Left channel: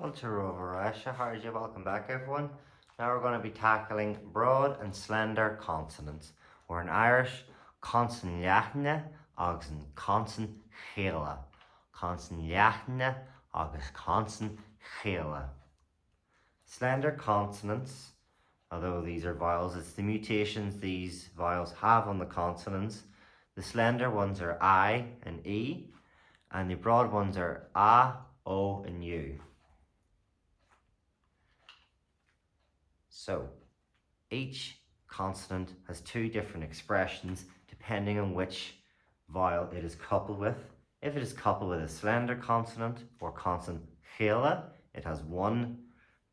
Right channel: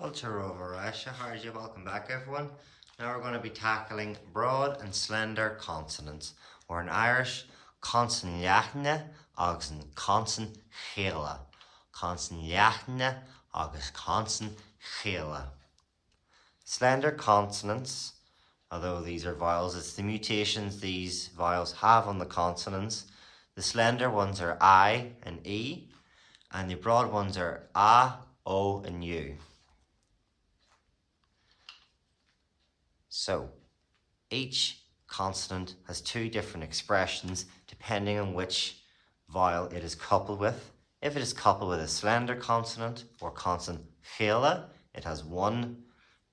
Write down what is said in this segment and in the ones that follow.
Culture over Russia. How are you? Welcome back, everyone. Now we're going to be tackling broad and slender consonants. Or in Irish, consonant leachne agus an consonant chéile. Consonant leachne agus consonant chéile. Slender consonants, although these are vowels, it's the mutations these vowels have on the consonants. The slender ones are I and E, and the broad ones are A, O, and U. So, each consonant has two different expressions depending on which vowel it is coupled with. If it is coupled with a slender consonant or consonant chéile, it has one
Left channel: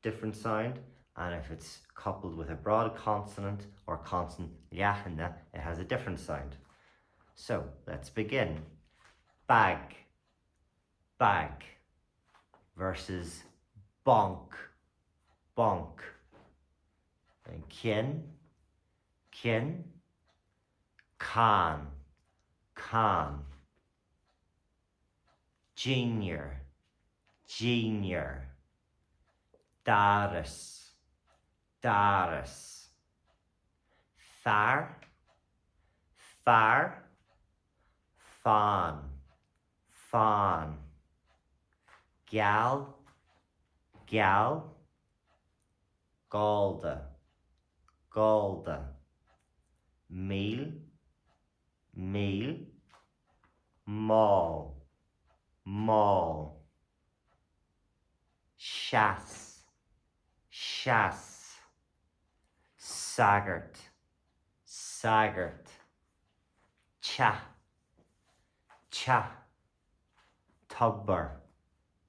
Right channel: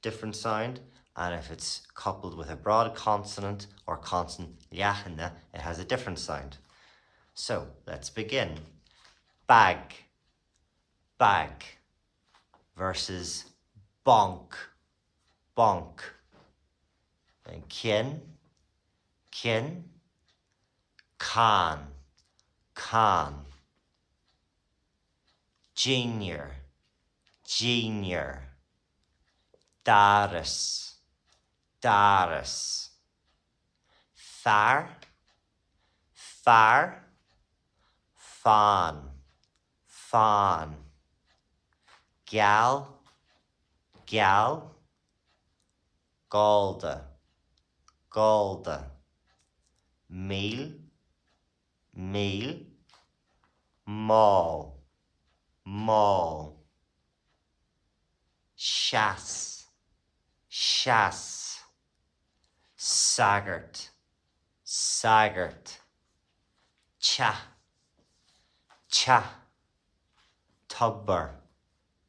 different sound, and if it's coupled with a broad consonant or consonant leachne, it has a different sound. So, let's begin. Bag, bag, versus bonk, bonk. And kin, kin, can, junior, junior, daris, daris, far, far, fan, fan, gal, gal, galda, galda, meal, meal, mall, mall, chasse, chasse, saggart, saggart, cha, cha, tubber,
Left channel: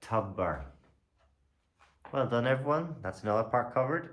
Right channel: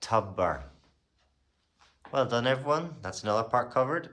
tubber. Well done, everyone. That's another part covered.